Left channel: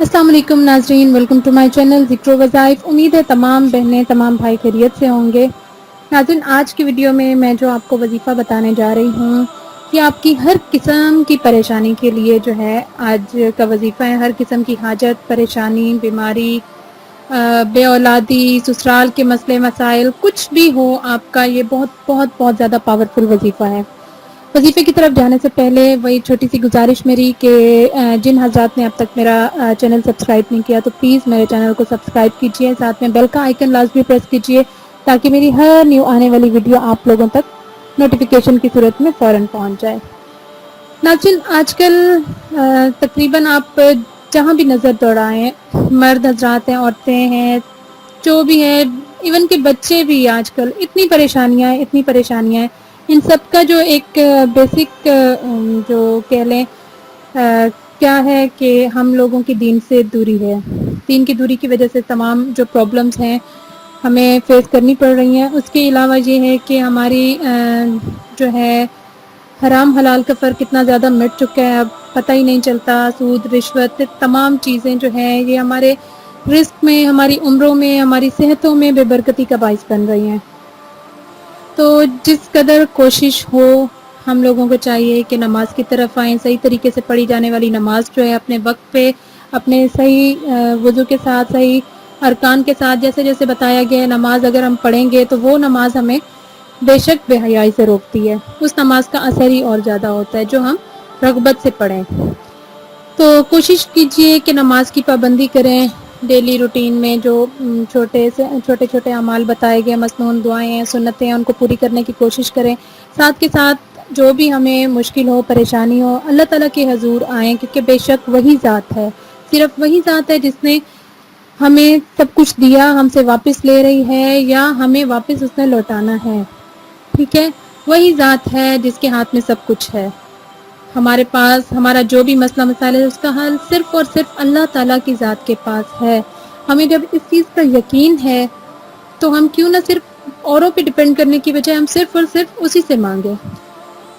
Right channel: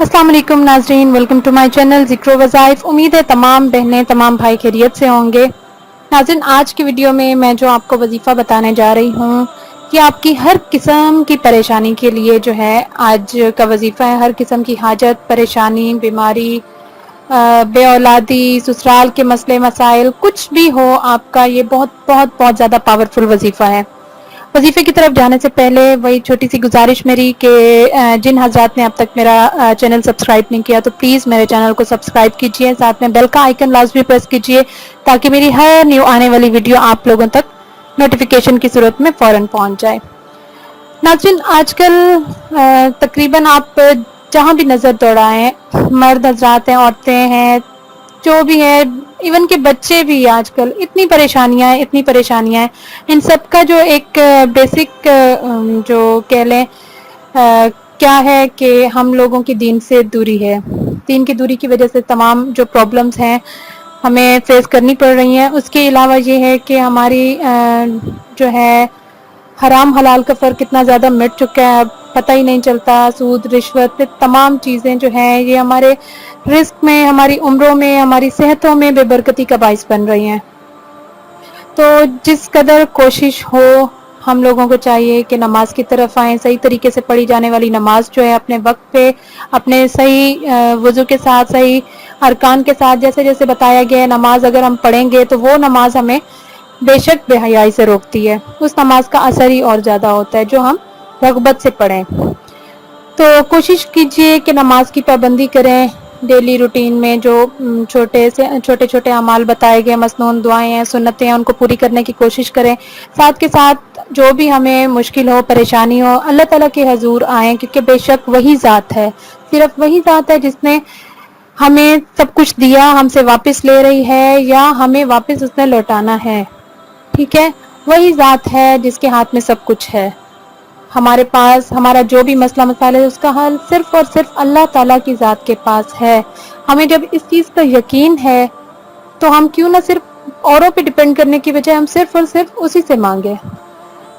अस्सलाम वालेकुम नाजरीन, वेलकम टू माय चैनल ज़िक्र वज़ाइफ। उम्मीद है तमाम बहनें तमाम भाई खैरियत से होंगे। नाज़रीन, आज की वीडियो में मैं जो आपको वजीफ़ा बताने जा रही हूँ कि आपकी हर किस्म की परेशानी के लिए जो है आज का वजीफ़ा है। हर किस्म की हाजत, परेशानी, बीमारी, बे औलादी, ससुराल के मसले मसाइल, कुछ भी हो आपका, ये बहुत बहुत बहुत ज़्यादा पावरफुल वजीफ़ा है। वजीफे की तरफ जाने से पहले वही छोटी सी गुजारिश मेरी कि जिन हजरात ने अब तक मेरा चैनल सब्सक्राइब नहीं किया तो प्लीज़ मेरे चैनल को सब्सक्राइब कीजिए, साथ में बेल का आइकन लाजमी प्रेस कीजिए ताकि मेरी हर न्यू आने वाली वीडियो आप लोगों तक नोटिफिकेशन की सूरत में फ़ौरन पहुंच जाए। नाज़रीन, आजकल तकरीबन आप जहाँ भी नज़र दौड़ाएं, मर्द हजरात हैं, औरतें हैं, जो भी है, इवन के बच्चे भी आजकल इतनी परेशानियां हैं। इन सब का जो एक बेसिक जो कह लें क्या है कि हम लोगों की दीन से दूरी है। दीन की दूरी की वजह से तमाम जो प्रॉब्लम्स हैं हमें फेस करनी पड़ रही हैं। उसके अलावा ये है कि हमारी जो है हराम हलाल का फ़र्क इतना ज़्यादा मिट चुका है, अब पता ही नहीं चलता। सूद, रिश्वत, तमाम चीज़ें जो हैं ये हमारे रिस्क में, हमारी उम्रों में, हमारी सेहतों में बेबरकती का बाइस बन रही हैं। तो जिस कदर कोशिश हो, हम लोगों को चाहिए कि नमाज की तरफ आएँ। सही तरीके से पढ़ी जाने वाली नमाज जो है अपने वक्त पे, अपने सही वज़ू के साथ, सही अरकान के साथ, जैसे जैसे बताया गया है, नमाज अगर हम पढ़ेंगे तो वो नमाज हमें बेशक बेहयाई से रोकती है। उस नमाज का असर ही और ज़्यादा होता है जो हम रग़बत से पढ़ें। तो कोशिश कीजिए कि नमाज की पाबंदी करें। डेली रूटीन में जो छोटे छोटे अमाल बताए गए, मसनून दुआएं हैं, सुन्नतें हैं, उनको पूरी करने की कोशिश करें। साथ के साथ जो भी हमें मुश्किल हो, परेशानी हो, अल्लाह ताला के हजूर आएँ, क्योंकि बेशक वही ज़ात है, सिर्फ वही ज़ात है जिसने हमें सब कुछ दिया, हमसे वापस ले रही है या हमें वापस उसने लौटाना है। ठीक है, वही ज़ात है जिसके हाथ में सब कुछ है। हमारे पास हमारा जो भी मसला मसाइल है उसका हल सिर्फ और सिर्फ अल्लाह ताला की ज़ात के पास है। हमें जब इस चीज़ का यकीन है तो हम क्यों ना सिर्फ औरों पे डिपेंड करने की बजाय हम सिर्फ और सिर्फ उसी से मांगे।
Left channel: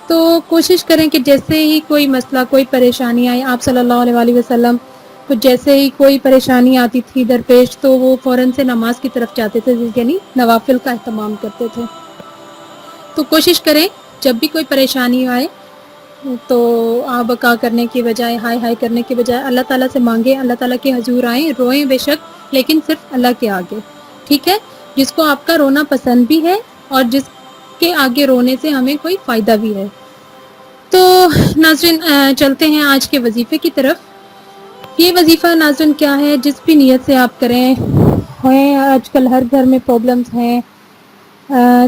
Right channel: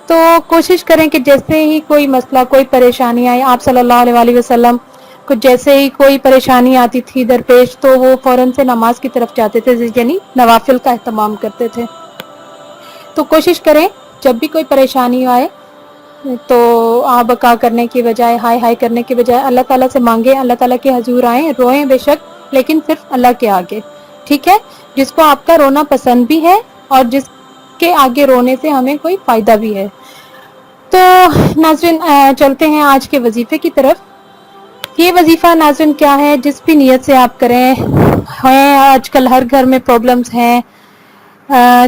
तो कोशिश करें कि जैसे ही कोई मसला, कोई परेशानी आए, आप सल्लल्लाहु अलैहि वसल्लम को जैसे ही कोई परेशानी आती थी दरपेश तो वो फ़ौरन से नमाज की तरफ जाते थे, यानी नवाफिल का एहतमाम करते थे। तो कोशिश करें जब भी कोई परेशानी आए तो आ बका करने की बजाय, हाय हाय करने की बजाय अल्लाह ताला से मांगे, अल्लाह ताला के हजूर आए, रोएं बेशक, लेकिन सिर्फ अल्लाह के आगे। ठीक है, जिसको आपका रोना पसंद भी है और जिसके आगे रोने से हमें कोई फ़ायदा भी है। तो नाज़रीन, चलते हैं आज के वजीफ़े की तरफ। ये वजीफ़ा नाज़रीन क्या है, जिस भी नीयत से आप करें हैं, आजकल हर घर में प्रॉब्लम्स हैं।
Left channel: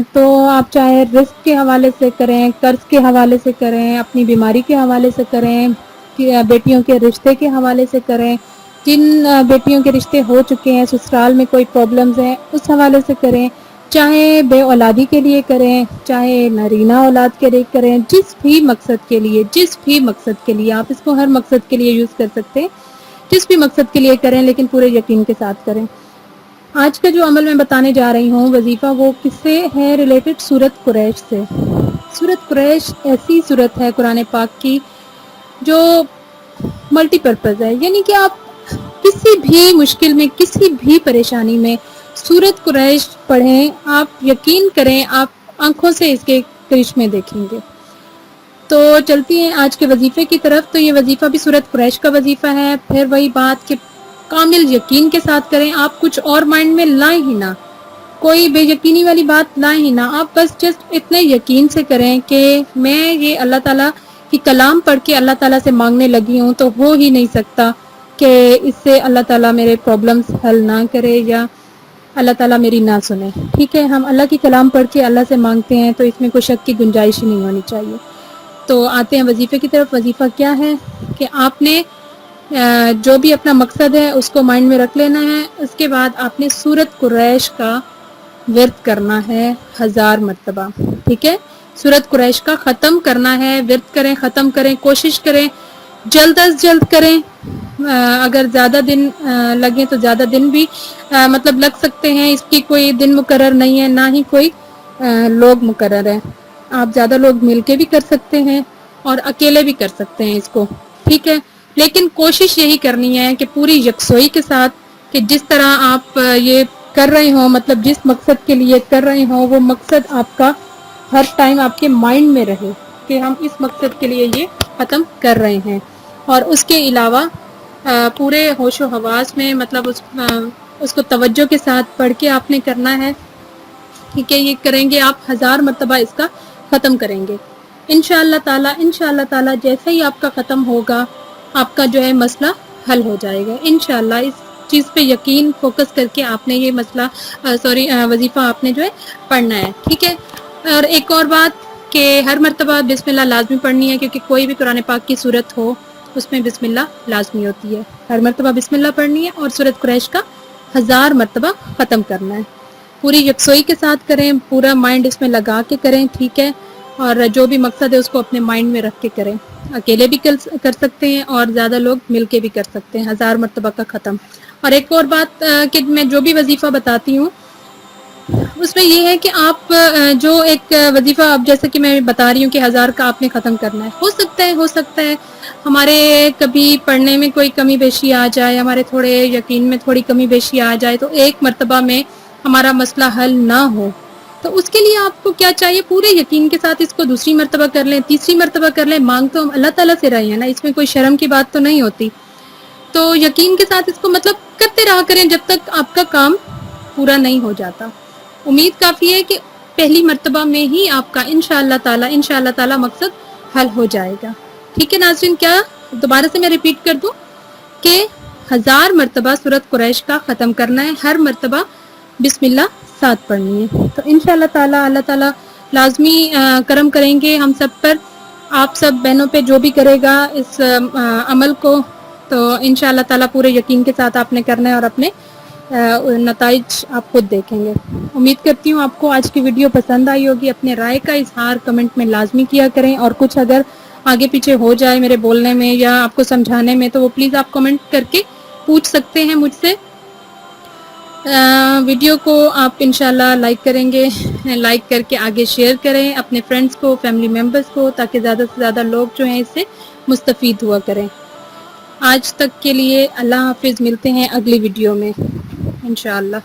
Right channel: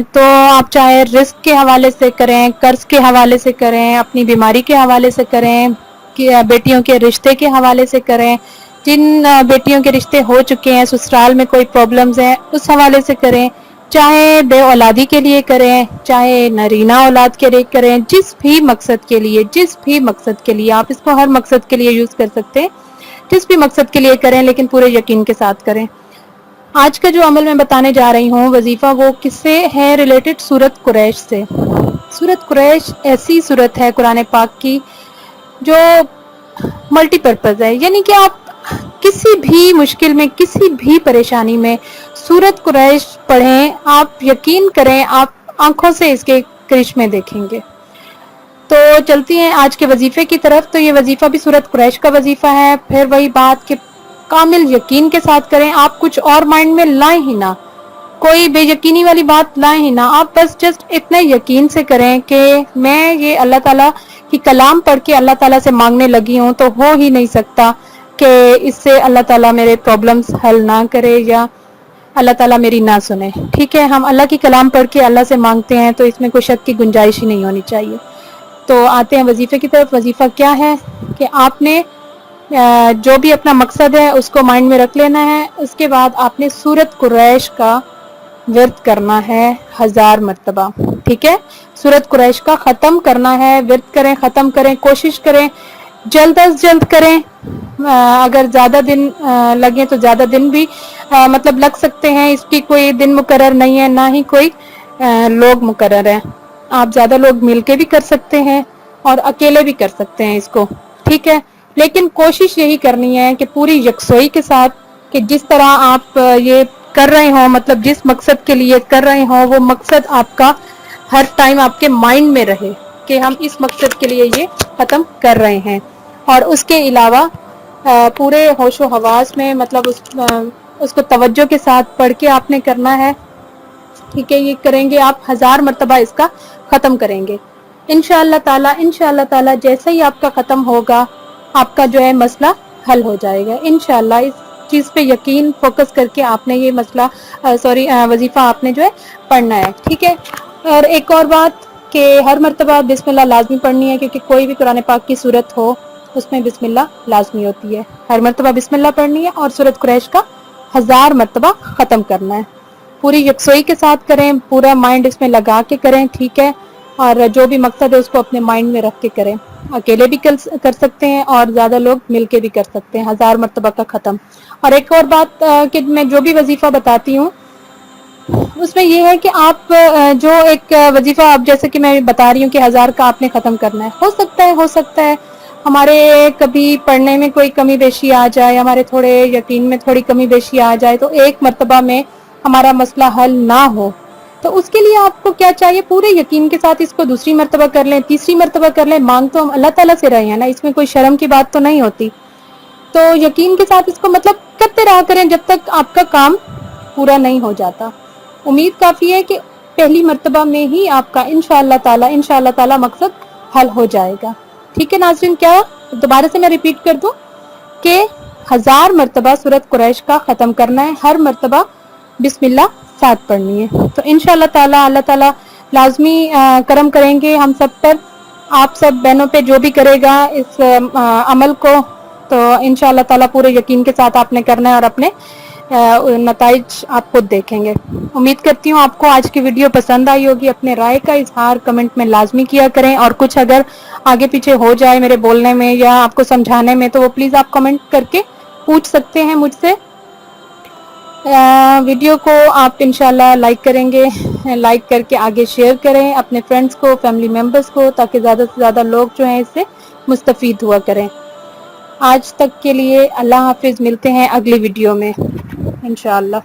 तो आप चाहे रिस्क के हवाले से करें, कर्ज के हवाले से करें, अपनी बीमारी के हवाले से करें, कि बेटियों के रिश्ते के हवाले से करें, जिन बेटियों के रिश्ते हो चुके हैं, ससुराल में कोई प्रॉब्लम्स है, उस हवाले से करें, चाहे बे औलादी के लिए करें, चाहे नरीना औलाद के लिए करें, जिस भी मकसद के लिए आप इसको हर मकसद के लिए यूज़ कर सकते हैं। जिस भी मकसद के लिए करें लेकिन पूरे यकीन के साथ करें। आज का जो अमल मैं बताने जा रही हूँ वजीफ़ा, वो किससे है रिलेटेड? सूरत कुरैश से। सूरत कुरैश ऐसी सूरत है कुरान पाक की जो मल्टीपर्पज़ है, यानी कि आप किसी भी मुश्किल में, किसी भी परेशानी में सूरत कुरैश पढ़ें, आप यकीन करें आप आंखों से इसके करिश्मे देखेंगे। तो चलती हैं आज के वजीफ़े की तरफ। तो ये वजीफ़ा भी सूरत कुरैश का वजीफ़ा है। फिर वही बात कि कामिल यकीन के साथ करें, आप कुछ और माइंड में लाएं ही ना, कोई बेयकीनी वाली बात लाएं ही ना। आप बस जस्ट इतने यकीन से करें कि मैं ये अल्लाह ताला की कलाम पढ़ के अल्लाह ताला से मांगने लगी हूँ, तो हो ही नहीं सकता कि इससे अल्लाह ताला मेरे प्रॉब्लम्स हल ना करे या अल्लाह ताला मेरी ना सुने। ठीक है, हम अल्लाह की कलाम पढ़ के अल्लाह से मांगते हैं तो इसमें कोई शक की गुंजाइश ही नहीं होनी चाहिए। तो आते हैं वजीफ़े की तरफ। वजीफ़ा क्या है कि आपने जो भी अपना मकसद है उसको माइंड में रख लेना है। उसके बाद आपने सूरत कुरैश का विर्द करना है 1000 मरतबा। ठीक है, सूरत कुरैश का ख़त्म करना है। विर्द करें, ख़त्म करें, कोशिश करें जल्द अज जल्द करें। अगर ज़्यादा दिन लगे तो ज़्यादा दिन भी मतलब लग सकते हैं। इसकी कोई दिन मुकर्रर नहीं है, ना ही कोई लोग मुकर्रर है। आप ज़्यादा लोग मिल के भी कर सकते हैं और अकेले भी कर सकते हैं इसको। ठीक है, लेकिन कोशिश यही करनी है कि पूरी यकसोई के साथ, कि जिस तरह आप ये कर रहे हो, मतलब जिस मकसद के लिए कर रहे हो, वो मकसद आपका हर टाइम आपके माइंड में रहे कि हम इस मकसद के लिए ये ख़त्म कर रहे हैं। और उसके अलावा पूरे होशो हवास में, मतलब उसको तवज्जो के साथ पढ़ के आपने करना है। ठीक है, ये करेंगे आप 1000 मरतबा इसका ख़त्म करेंगे इंशाअल्लाह ताला। जैसे ही आपका ख़त्म होगा, आपका जो है मसला हल हो जाएगा इंशाअल्लाह। इस चीज़ पे यकीन फोकस करके आपने ये मसला वजीफ़ा आपने जो है पढ़ना है। ठीक है। और एक और बात कि हर मरतबा बिस्मिल्लाह लाजमी पढ़नी है, क्योंकि कोई भी कुरान पाक की सूरत हो उसमें बिस्मिल्लाह लाजमी होती है। हर मरतबा बिस्मिल्लाह पढ़नी है और सूरत कुरैश का 1000 मरतबा ख़त्म करना है। पूरी यकसोई के साथ करें, पूरा माइंड इसमें लगा के करें। ठीक है। और जो भी मकसद है उसको अपने माइंड में रख के करें। अकेले भी कर सकते हैं और ज़्यादा लोग मिल के भी कर सकते हैं 1000 मरतबा का ख़त्म। और एक और बात कि मैं जो भी वजीफ़ा बताती हूँ उसमें ये है कि आप जो एक वजीफ़ा, अब जैसे कि मैं बता रही हूँ कि 1000 का आपने ख़त्म करना है, हो सकता है हमारे कभी पढ़ने में कोई कमी बेशी आ जाए, हमारे थोड़े यकीन में थोड़ी कमी बेशी आ जाए, तो एक मरतबा में हमारा मसला हल ना हो, तो उसके लिए आपको क्या चाहिए, पूरे यकीन के साथ इसको दूसरी मरतबा कर लें, तीसरी मरतबा कर लें। मांग तो हम अल्लाह ताला से रहे हैं ना, इसमें कोई शर्म की बात तो नहीं होती। तो यकीन के साथ इसको मतलब करते रहा करें जब तक आपका काम पूरा नहीं हो जाता। उम्मीद काफ़ी है कि पहली मरतबा में ही आपका इंशाअल्लाह ताला मकसद हल हो जाएगा। ठीक है नाज़रीन, क्या दोबारा से मैं रिपीट कर दूं कि 1000 मरतबा सूरत कुरैश का ख़त्म करना है, हर मरतबा बिस्मिल्लाह साथ पढ़नी है। तो इंशाअल्लाह ताला अल्लाह ताला लाजमी करम करेंगे हम सब पर, आप सब बहनों पे जो भी करेगा इस अमल को, तो इंशाअल्लाह ताला पूरे यकीन के साथ आपने करना है और अपने नताइज आप खुद देखेंगे। उम्मीद करती हूँ आपको आज की वीडियो पसंद आई होगी। अपने राय का इजहार कमेंट में लाजमी किया करें, और कुछ अगर आगे पीछे हो जाए मेरे बोलने में या आपको समझाने में, तो वो प्लीज़ आप कमेंट करके पूछ सकते हैं मुझसे। वीडियो को आप इंशाल्लाह लाइक करेंगे, लाइक करके आगे शेयर करें अपने फ्रेंड्स को, फैमिली मेम्बर्स को, ताकि ज़्यादा से ज़्यादा लोग जो हैं इससे मुस्तफ़ीद हुआ करें। आज तक के लिए अल्लाह हाफिज़, मिलते हैं अगली वीडियो में इंशाअल्लाह।